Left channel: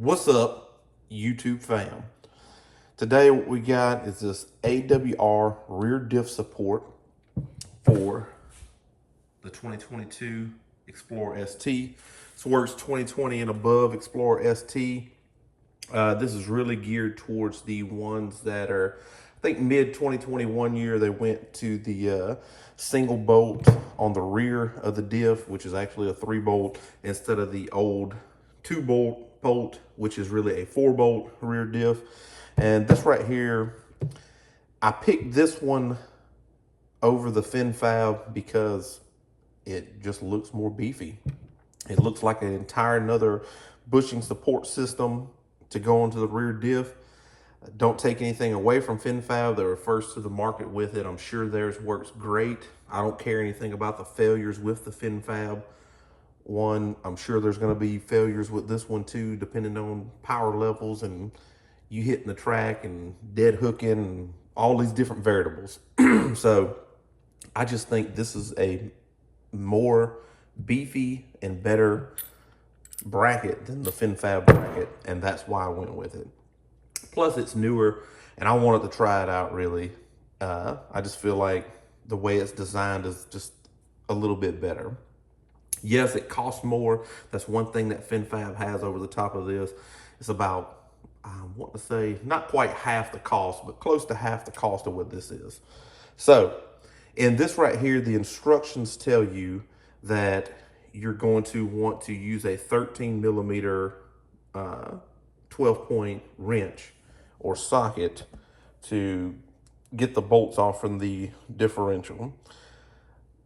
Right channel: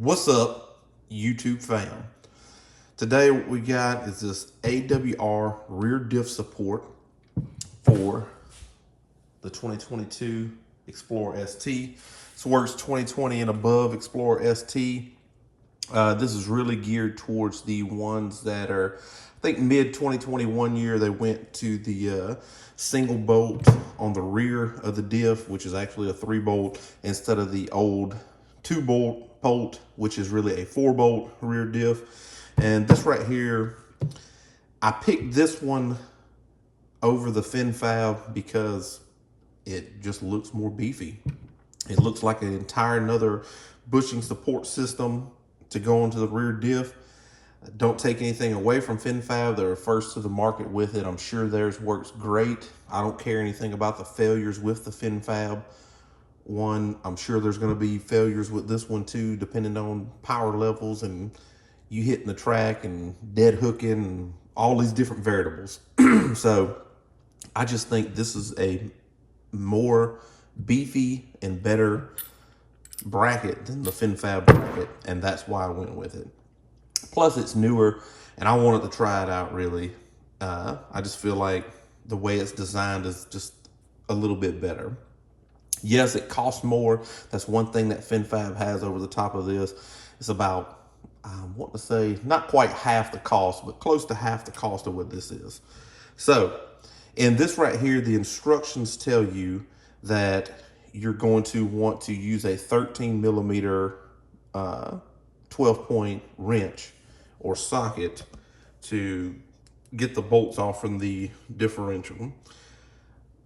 What's up, YouTube fam? Today what we got is this AWR rear diff support for the 2022 Explorer ST. This works 2020 and above Explorer ST. This is really geared towards the ones that are, I think mid 2021 year, they went to the single bolt on the rear of the diff, which is actually a 3-bolt instead of the old 2-bolt, which is really a 4-bolt rear diff. And this right here, I picked this one over the FinFab because it just looks more beefy. It looks like an entire another bushing support system to go into the rear diff. Don't take anything away from FinFab. They were first to the market with it. I'm sure theirs works great. I don't care anything about the failures with the FinFab one. I'm sure there's going to be failures with this one too, depending on power levels and you hitting the track and dead hooking and all these different variables. So I just think this is a more beefy and better bracket than the FinFab bracket, and that's why I went with it. Plus it's newer and I wanted to try it out really. I just feel like the way it's designed is just a little bit better. Yes, it costs more. That's one thing that FinFab has over the top of this. It's about, I want to say, not quite half the cost, but close to half the cost of what this is. So in this right here, the instructions tell you that you're going to want to use a 13 millimeter 12-point wrench or socket to get the bolts off from the differential.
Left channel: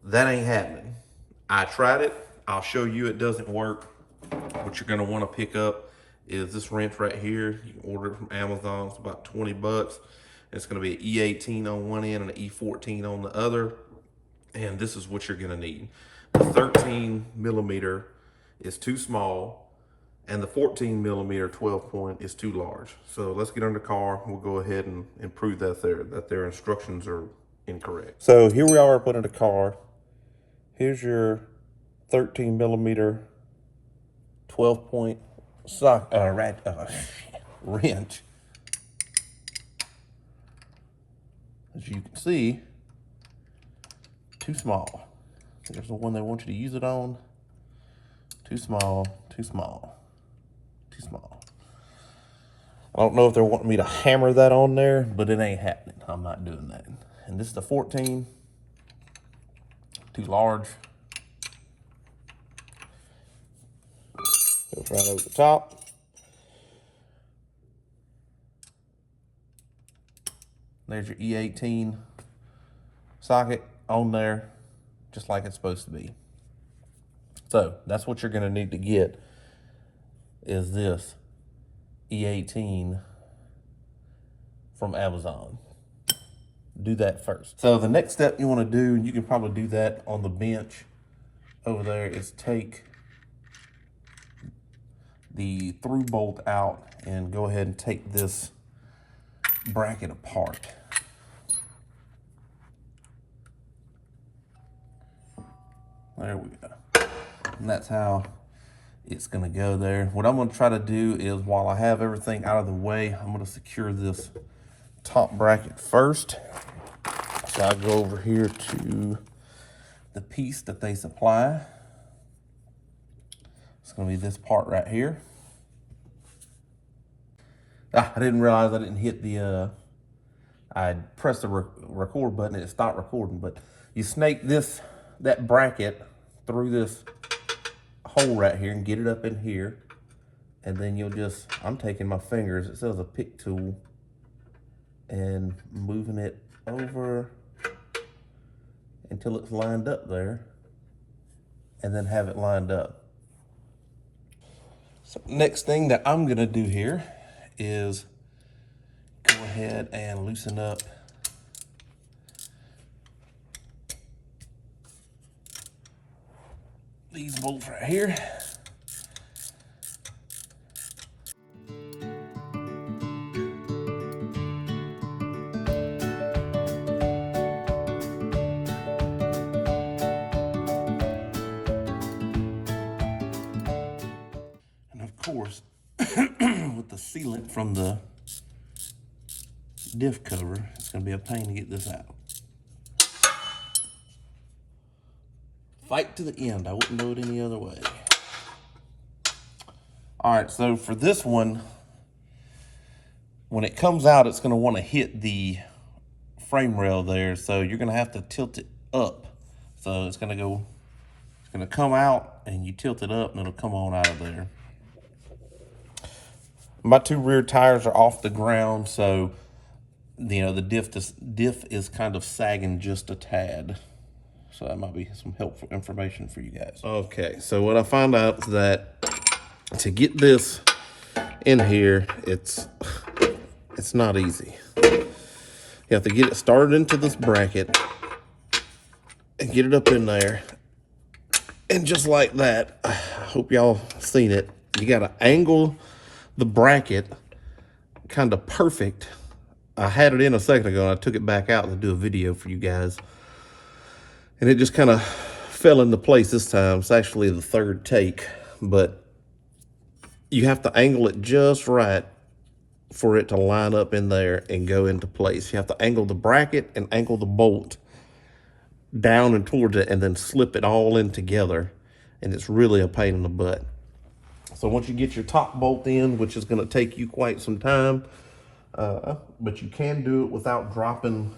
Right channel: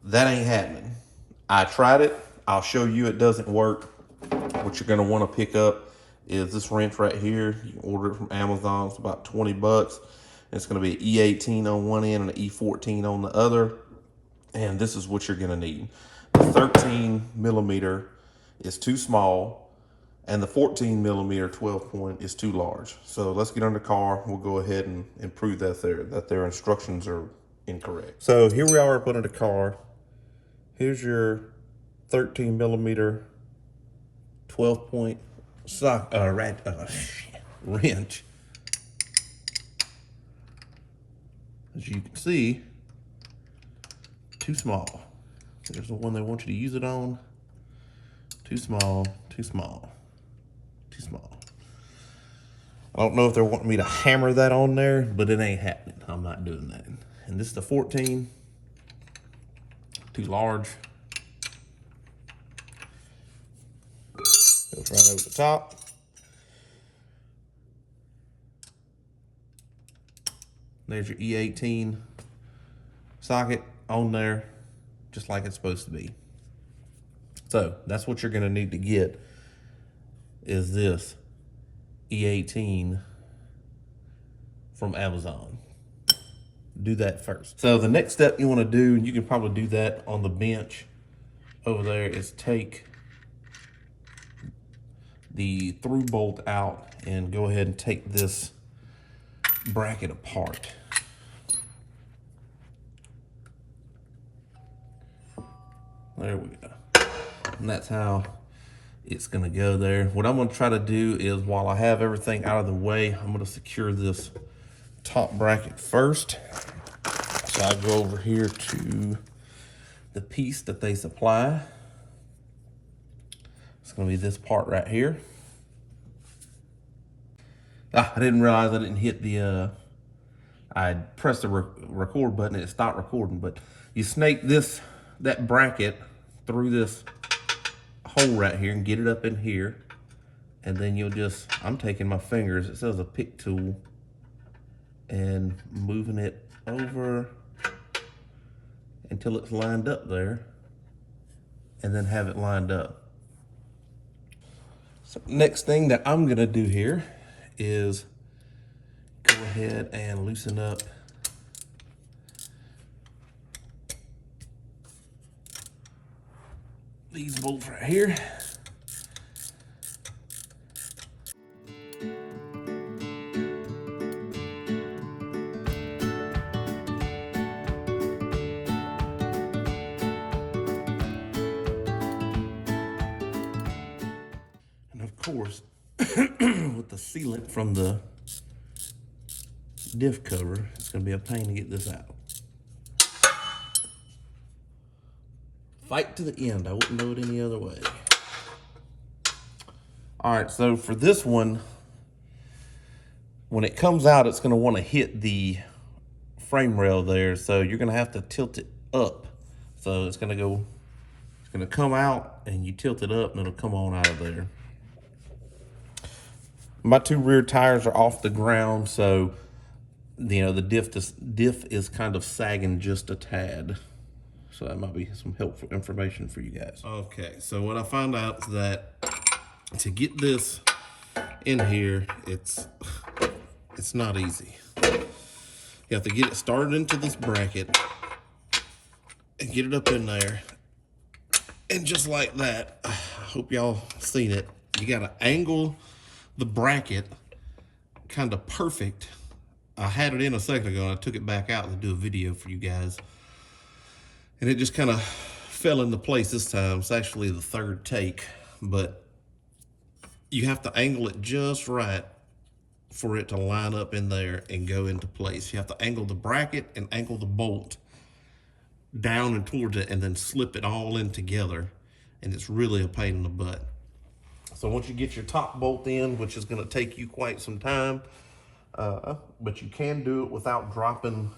That ain't happening. I tried it. I'll show you it doesn't work. What you're gonna wanna pick up is this wrench right here. You can order it from Amazon. It's about 20 bucks. It's gonna be an E18 on one end and an E14 on the other. And this is what you're gonna need. The 13 millimeter is too small and the 14 millimeter 12-point is too large. So let's get on the car. We'll go ahead and prove that their instructions are incorrect. So here we are up under the car. Here's your 13 millimeter 12-point wrench. As you can see, too small. There's the one they want you to use it on. Too small, too small, too small. I don't know if they're wanting me to hammer that on there, but it ain't happening. I'm not doing that. And this is the 14. Too large. Goes right over the top. There's your E18 socket on there, just like it's supposed to be. So that's what you're gonna need to get, is this E18 from Amazon. Do that first. So the next step you want to do, and you can probably do that on the bench over there, is take the through bolt out and go ahead and take this bracket apart. There we go. And that's how it's gonna go there. What I'm gonna try to do is, while I have everything out of the way, I'm gonna secure this top bracket first. So I go over here to the piece that they supply. It's gonna be this part right here. I didn't realize I didn't hit the, I pressed the record button and it stopped recording, but you snake that bracket through this hole right here and get it up in here. And then you'll just, I'm taking my fingers, it says a pick tool, and moving it over until it's lined up there, and then have it lined up. So next thing that I'm gonna do here is go ahead and loosen up these bolts right here. And of course, with the sealant from the diff cover. It's gonna be a pain to get this out. Fight to the end. I wouldn't do it any other way. All right, so for this one, when it comes out, it's gonna wanna hit the frame rail there. So you're gonna have to tilt it up. So it's gonna come out and you tilt it up and it'll come on out of there. My two rear tires are off the ground, so the diff is kind of sagging just a tad. So that might be some helpful information for you guys. Okay, so what I found out is that to get this in here, it's not easy. You have to get it started into this bracket and get it up in there. And just like that, I hope y'all seen it, you gotta angle the bracket kind of perfect. I had it in a second ago and I took it back out to do a video for you guys. And it just kind of fell into place this time. It's actually the third take, but you have to angle it just right for it to line up in there and go into place. You have to angle the bracket and angle the bolt down and towards it and then slip it all in together. And it's really a pain in the butt. So once you get your top bolt in, which is gonna take you quite some time, but you can do it without dropping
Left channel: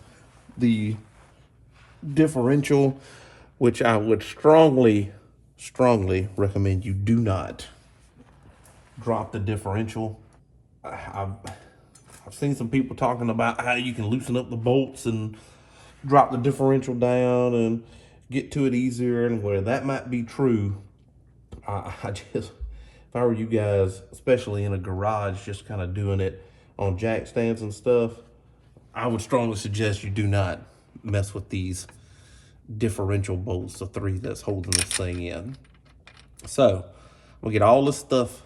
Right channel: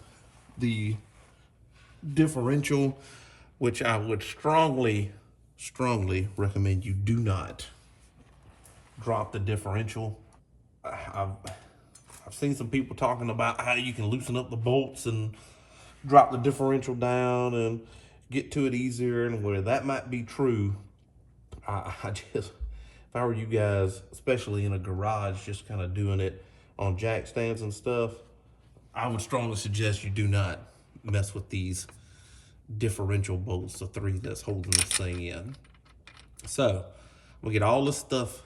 the differential, which I would strongly recommend you do not drop the differential. I've seen some people talking about how you can loosen up the bolts and drop the differential down and get to it easier, and where that might be true, I just, if I were you guys, especially in a garage, just kind of doing it on jack stands and stuff, I would strongly suggest you do not mess with these differential bolts, the three that's holding this thing in. So we'll get all this stuff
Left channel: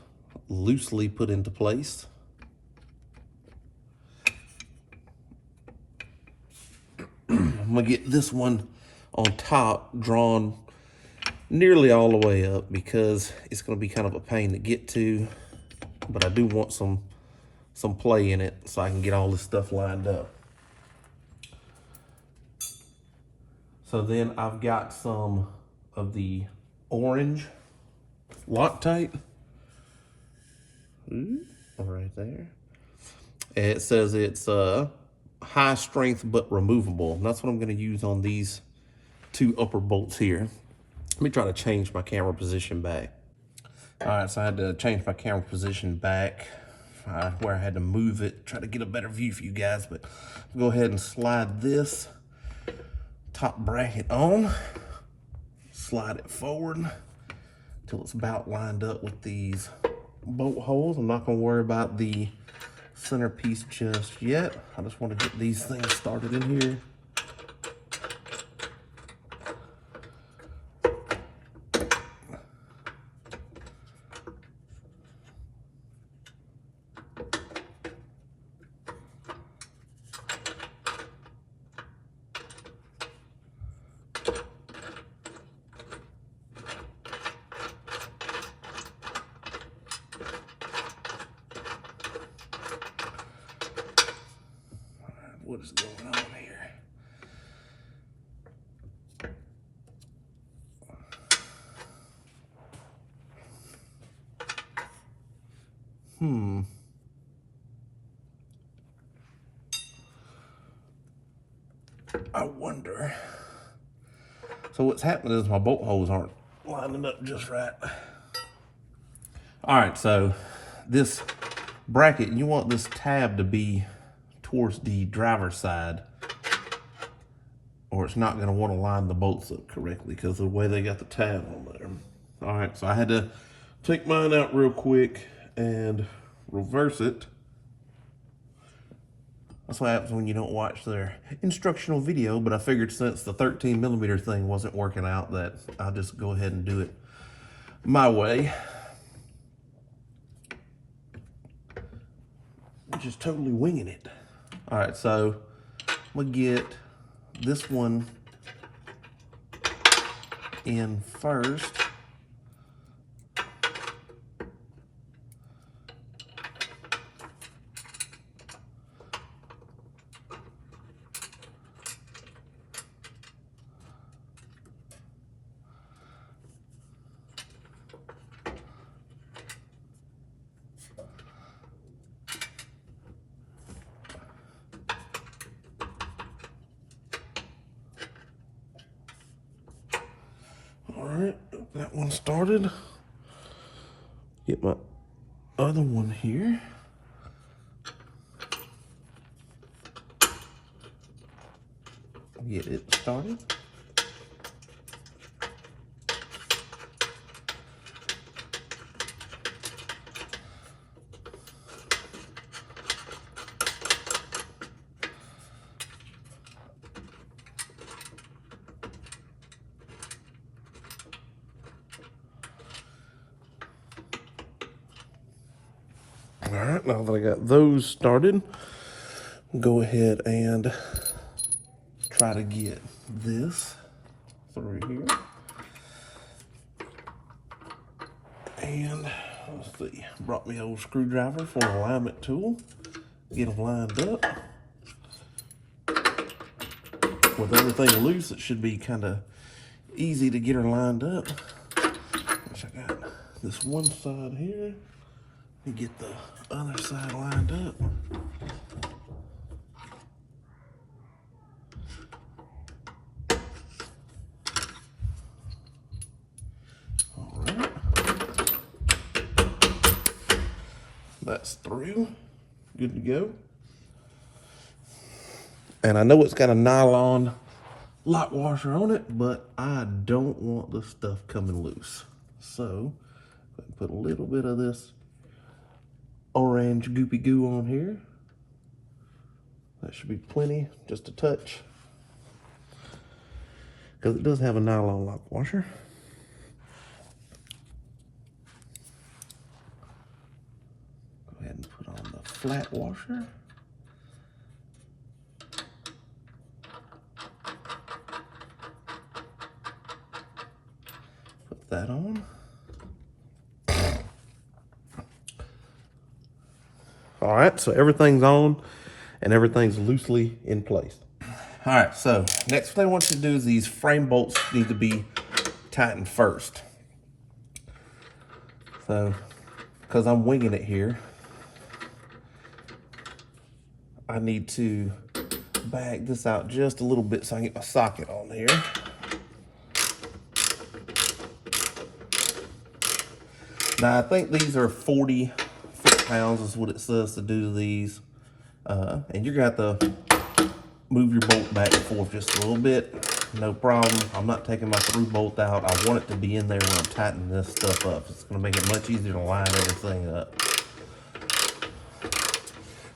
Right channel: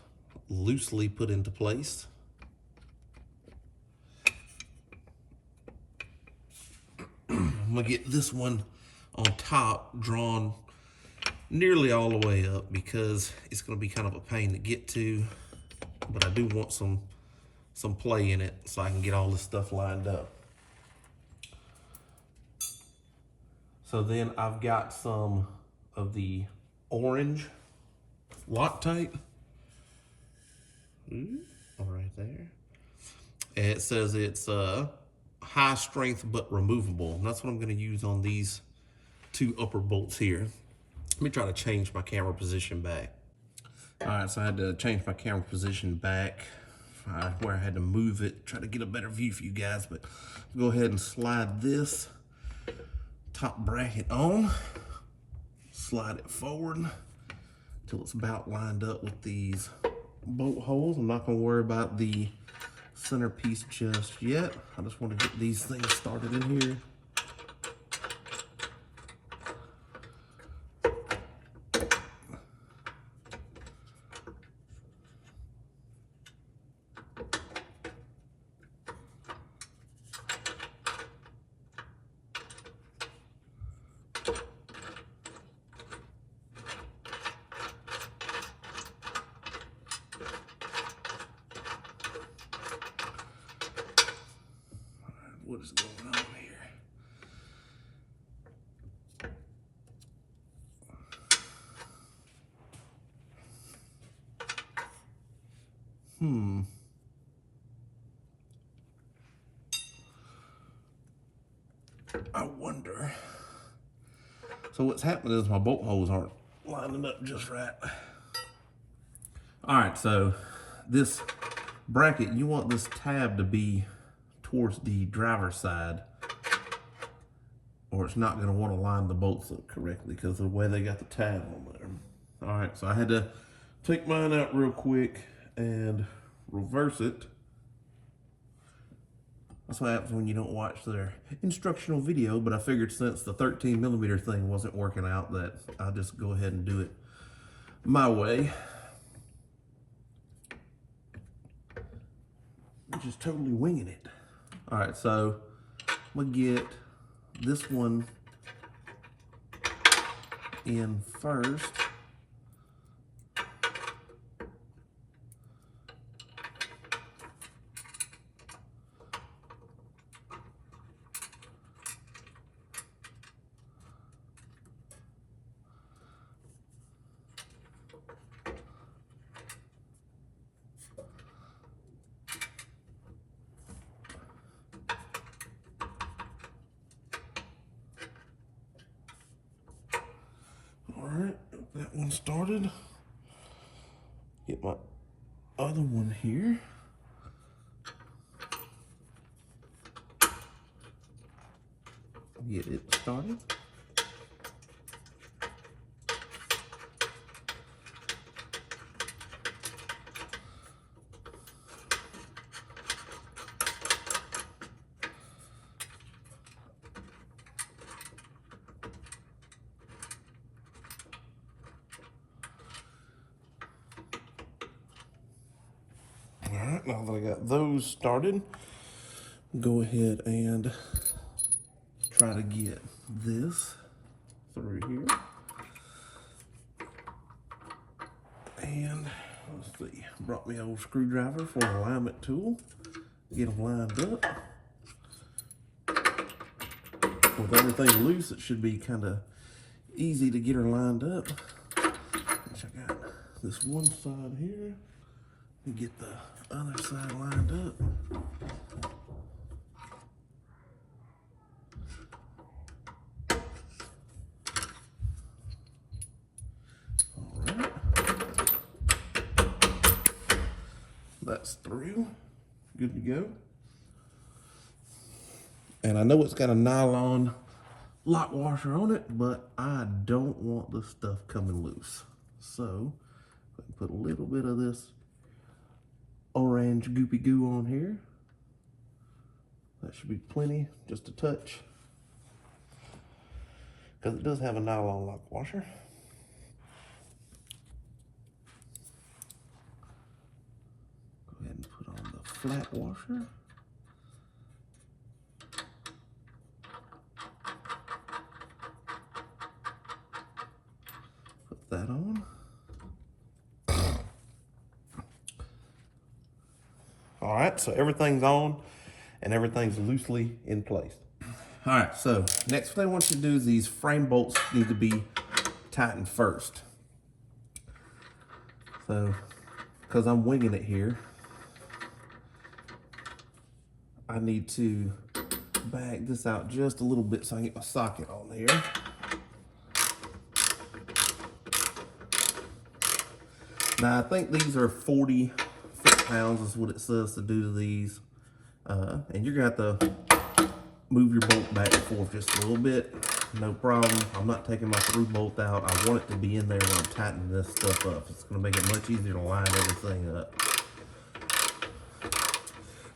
loosely put into place. I'm gonna get this one on top drawn nearly all the way up because it's gonna be kind of a pain to get to, but I do want some play in it so I can get all this stuff lined up. So then I've got some of the orange Loctite right there. And it says it's high strength but removable. And that's what I'm gonna use on these two upper bolts here. Let me try to change my camera position back. All right, so I had to change my camera position back where I had to move it, try to get a better view for you guys, but go ahead and slide this top bracket on, slide it forward until it's about lined up with these bolt holes. I'm not gonna worry about the centerpiece just yet. I just want to get these things started in here. What is going on here? I wonder. So what's happening is my bolt holes aren't lining up just right. All right, so this bracket, you want this tab to be towards the driver's side, or it's not gonna wanna line the bolts up correctly because of the way they got the tab on there. All right, so I had to take mine out real quick and reverse it. That's what happens when you don't watch their instructional video, but I figured since the 13mm thing wasn't working out that I'll just go ahead and do it my way. I'm just totally winging it. All right, so I'm gonna get this one in first. right, that one started. Get my other one here. Get it started. All right, now that I got those started, go ahead and try to get this through here. And let's see, brought me an old screwdriver for an alignment tool. Get them lined up. With everything loose, it should be kind of easy to get her lined up. Which I got this one side here. And get the other side lined up. All right. That's through. Good to go. And I know it's got a nylon lock washer on it, but I don't want the stuff coming loose. So, I can put a little bit of this orange goopy goo on here. That should be plenty, just a touch. Because it does have a nylon lock washer. Go ahead and put on the flat washer. Put that on. All right, so everything's on and everything's loosely in place. All right, so next what I want you to do is these frame bolts need to be tightened first. So, because I'm winging it here, I need to back this out just a little bit so I can get my socket on here. Now, I think these are 40 foot-pounds is what it says to do these. And you're going to have to move your bolt back and forth just a little bit. No problem. I'm not taking my through bolt out. I want it to be in there when I'm tightening this stuff up. It's going to make it much easier to line everything up.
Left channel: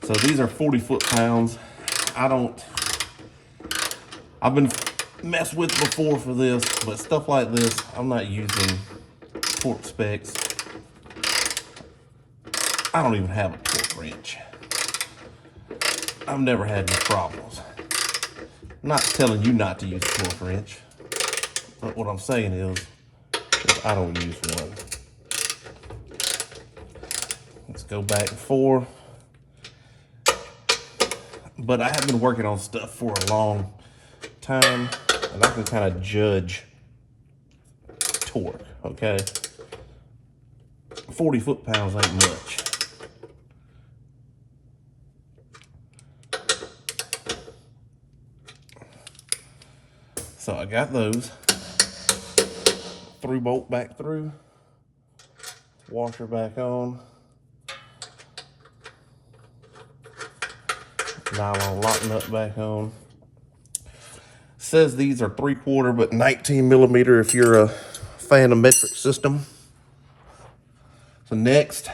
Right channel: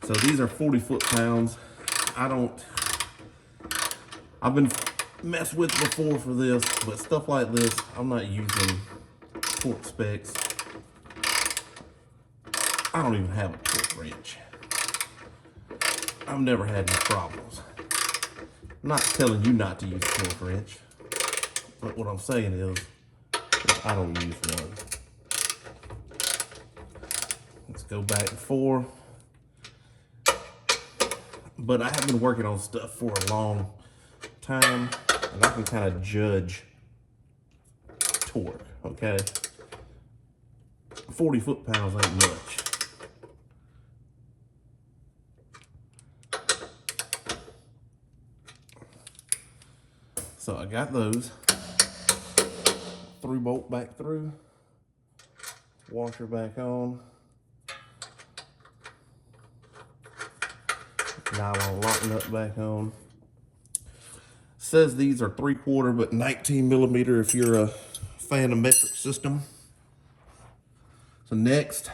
So these are 40 foot-pounds. I've been messed with before for this, but stuff like this, I'm not using torque specs. I don't even have a torque wrench. I've never had any problems. I'm not telling you not to use a torque wrench, but what I'm saying is I don't use one. Let's go back and forth. But I have been working on stuff for a long time, and I can kind of judge torque, okay? 40 foot-pounds ain't much. So I got those. Through bolt back through. Washer back on. Nylon lock nut back on. Says these are 3/4 but 19 millimeter if you're a fan of metric system. So next,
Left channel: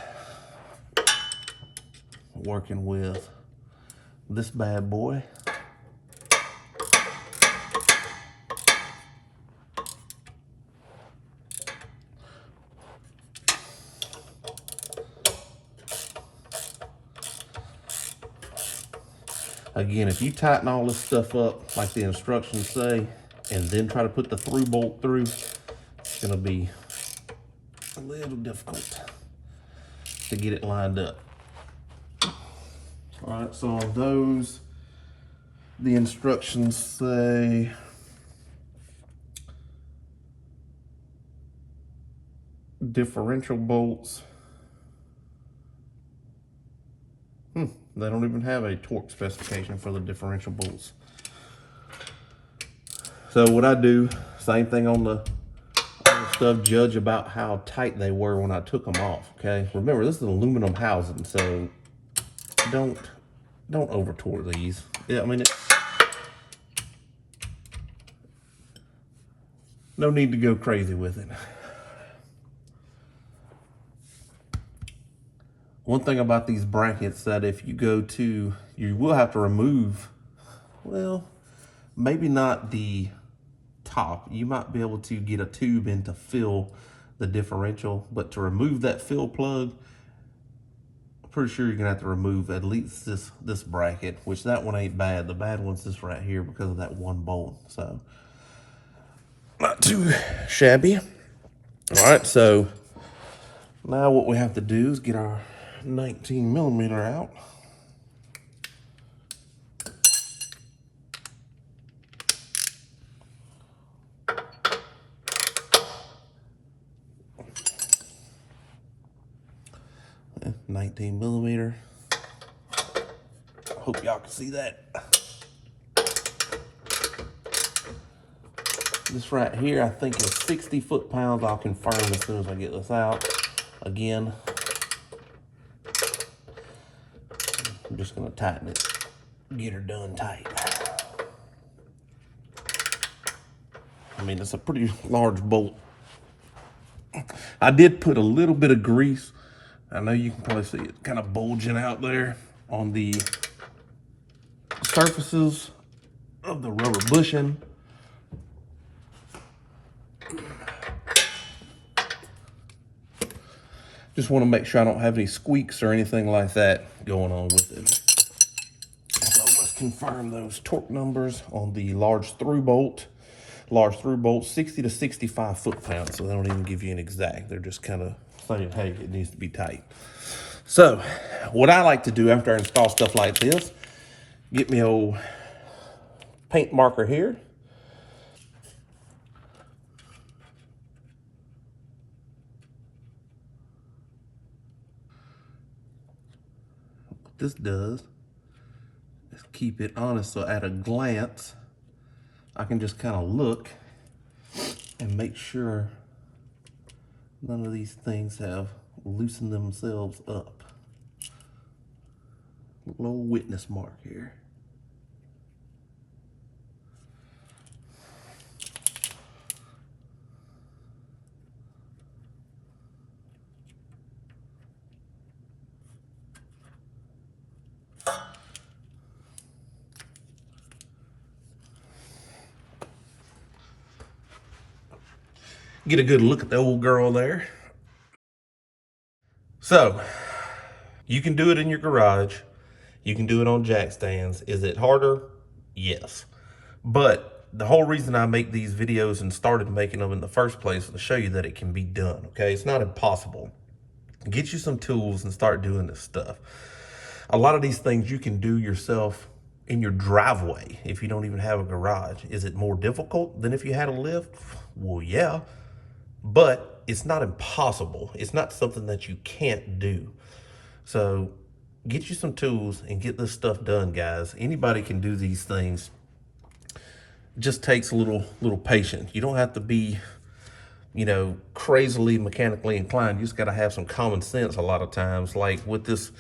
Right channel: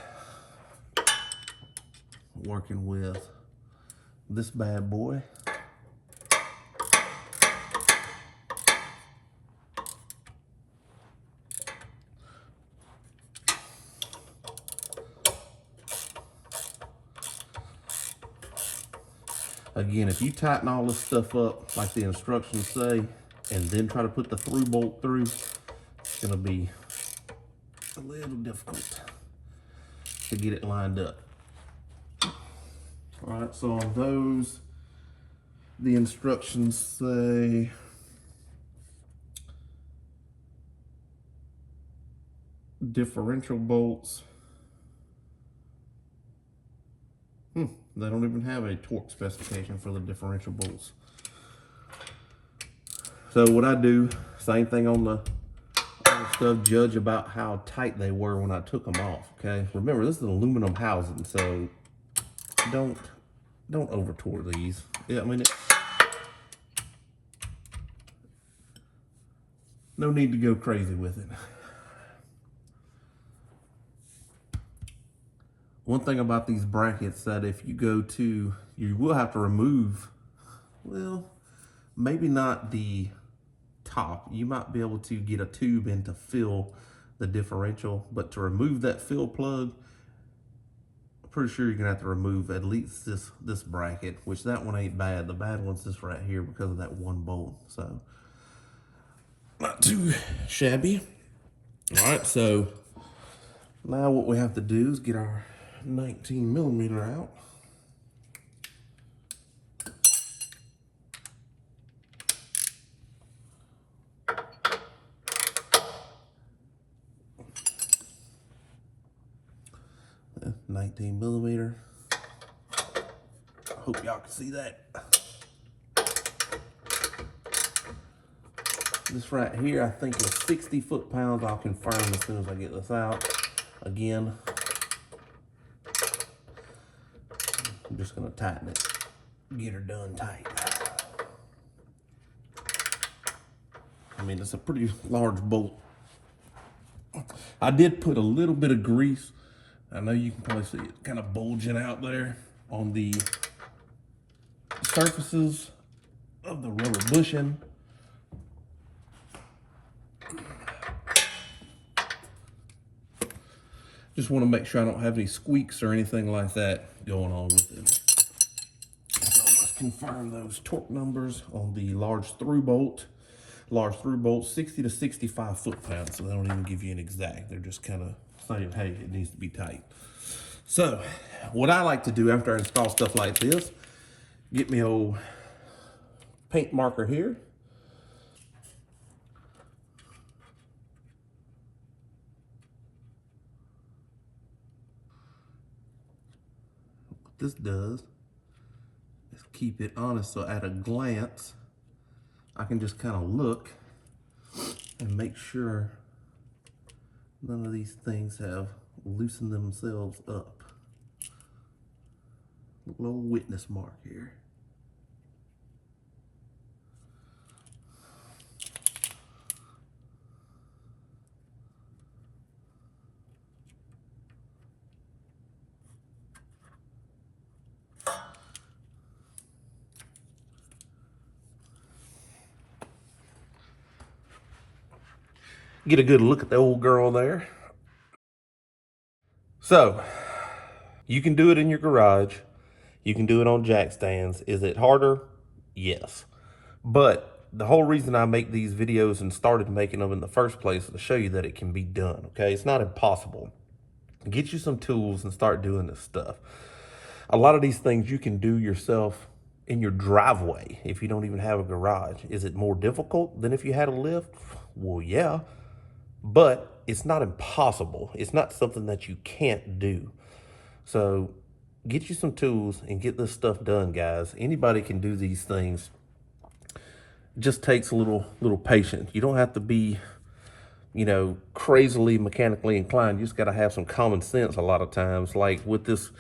working with this bad boy. Again, if you tighten all this stuff up like the instructions say, and then try to put the through bolt through, it's gonna be a little difficult to get it lined up. All right, so on those, the instructions say differential bolts. They don't even have a torque specification for the differential bolts. So what I do, same thing on the stuff, judge about how tight they were when I took them off, okay? Remember, this is an aluminum housing, so don't over tore these. Yeah, I mean, no need to go crazy with it. One thing about these brackets that if you go to, you will have to remove, well, maybe not the top. You might be able to get a tube in to fill the differential, but to remove that fill plug, I'm pretty sure you're gonna have to remove at least this bracket, which that one ain't bad. The bad one's this right here because of that one bolt. So not too shabby. All right, so now what we have to do is get our 19mm out. Yeah, 19mm. I hope y'all can see that. This right here, I think is 60 foot-pounds. I'll confirm as soon as I get this out. Again, I'm just gonna tighten it, get her done tight. I mean, it's a pretty large bolt. I did put a little bit of grease. I know you can probably see it kind of bulging out there on the surfaces of the rubber bushing. Just want to make sure I don't have any squeaks or anything like that going on with it. So let's confirm those torque numbers on the large through bolt. Large through bolt, 60 to 65 foot-pounds. So they don't even give you an exact. They're just kind of saying, hey, it needs to be tight. So what I like to do after I install stuff like this, get me an old paint marker here. What this does is keep it honest, so at a glance, I can just kind of look and make sure none of these things have loosened themselves up. A little witness mark here. Get a good look at the old girl there. So, you can do it in your garage. You can do it on jack stands. Is it harder? Yes. But the whole reason I make these videos and started making them in the first place is to show you that it can be done, okay? It's not impossible. Get you some tools and start doing this stuff. A lot of these things you can do yourself in your driveway if you don't even have a garage. Is it more difficult than if you had a lift? Well, yeah. But it's not impossible. It's not something that you can't do. So get you some tools and get this stuff done, guys. Anybody can do these things. It just takes a little patience. You don't have to be, you know, crazily mechanically inclined. You just got to have some common sense a lot of times. Like with this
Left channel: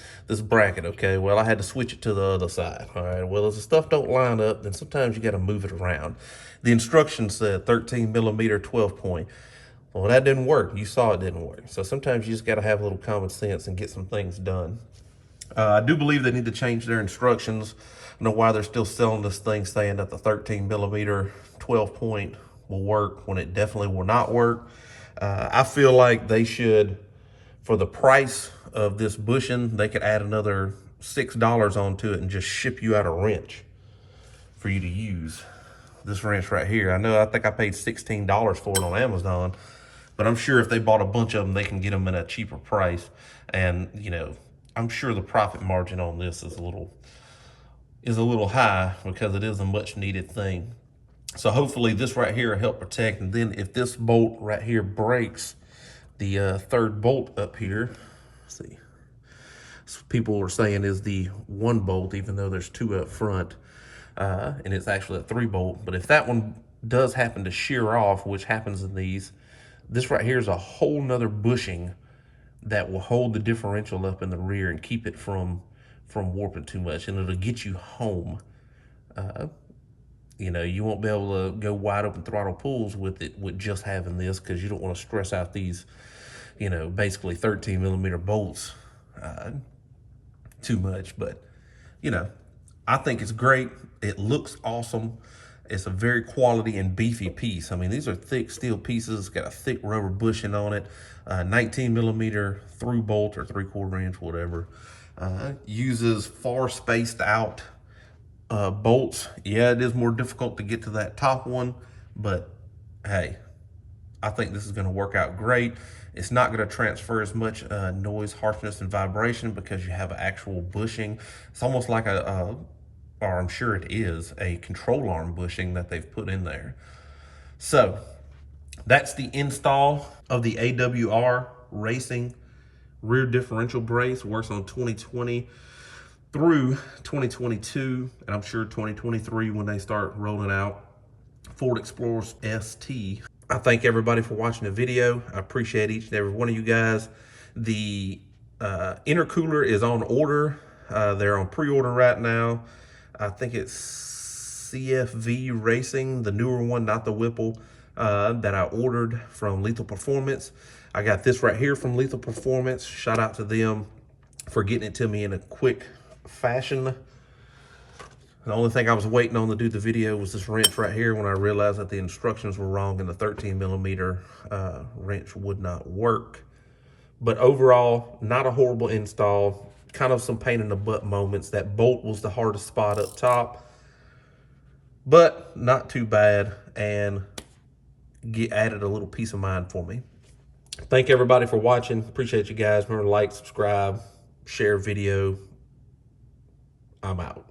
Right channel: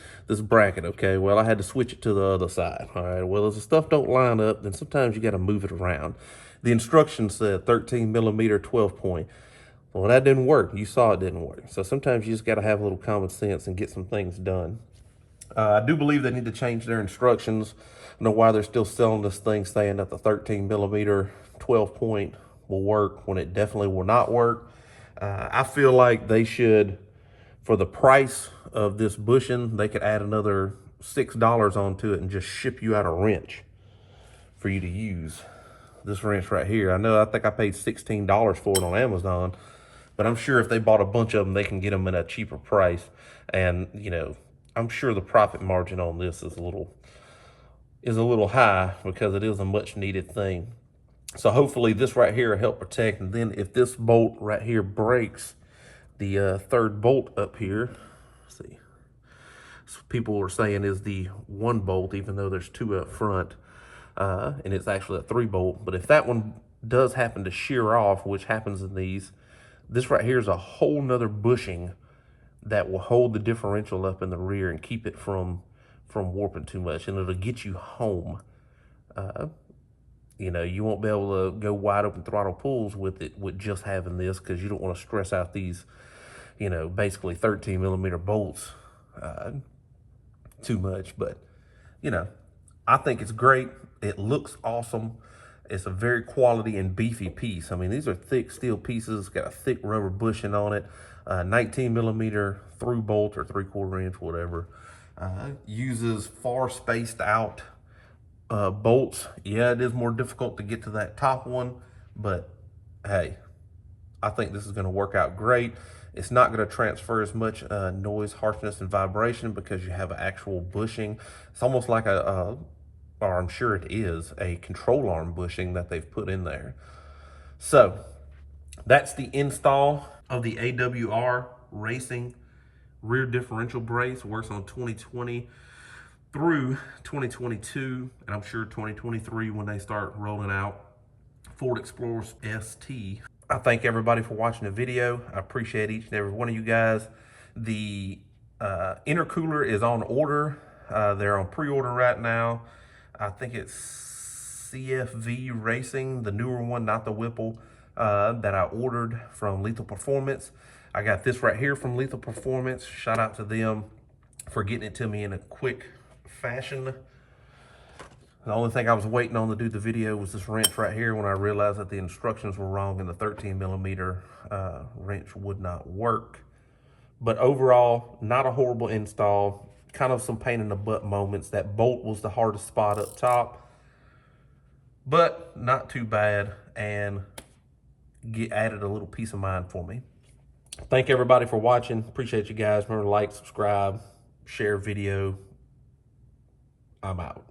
bracket, okay, well, I had to switch it to the other side. All right, well, if the stuff don't line up, then sometimes you got to move it around. The instructions said 13mm 12 point. Well, that didn't work. You saw it didn't work. So sometimes you just got to have a little common sense and get some things done. I do believe they need to change their instructions. I know why they're still selling this thing saying that the 13mm 12 point will work when it definitely will not work. I feel like they should, for the price of this bushing, they could add another $6 onto it and just ship you out a wrench for you to use. This wrench right here. I think I paid $16 for it on Amazon, but I'm sure if they bought a bunch of them, they can get them at a cheaper price. And, you know, I'm sure the profit margin on this is a little high because it is a much needed thing. So hopefully this right here will help protect. And then if this bolt right here breaks, the third bolt up here, let's see, so people are saying is the one bolt, even though there's two up front, and it's actually a 3 bolt. But if that one does happen to shear off, which happens in these, This right here is a whole nother bushing that will hold the differential up in the rear and keep it from warping too much, and it'll get you home. You know, you won't be able to go wide open throttle pulls with it with just having this, because you don't want to stress out these, you know, basically 13mm bolts too much. But, you know, I think it's great. It looks awesome. It's a very quality and beefy piece. I mean, these are thick steel pieces. It's got a thick rubber bushing on it. 19mm through bolt, or 3/4 inch, whatever. Uses far spaced out bolts. Yeah, it is more difficult to get to that top one, but hey, I think this is going to work out great. It's not going to transfer as much noise, harshness, and vibration because you have an actual bushing. It's almost like or I'm sure it is, a control arm bushing that they've put in there. So that's the install of the AWR Racing rear differential brace. Works on 2020 through 2022, and I'm sure 2023 when they start rolling out Ford Explorer ST. I thank everybody for watching the video. I appreciate each and every one of you guys. The intercooler is on order. They're on pre-order right now. I think it's CFV Racing, the newer one, not the Whipple, that I ordered from Lethal Performance. I got this right here from Lethal Performance. Shout out to them for getting it to me in a quick fashion. The only thing I was waiting on to do the video was this wrench right here, when I realized that the instructions were wrong and the 13mm wrench would not work. But overall, not a horrible install. Kind of some pain in the butt moments. That bolt was the hardest spot up top, but not too bad, and added a little peace of mind for me. Thank everybody for watching. Appreciate you guys. Remember to like, subscribe, share video. I'm out.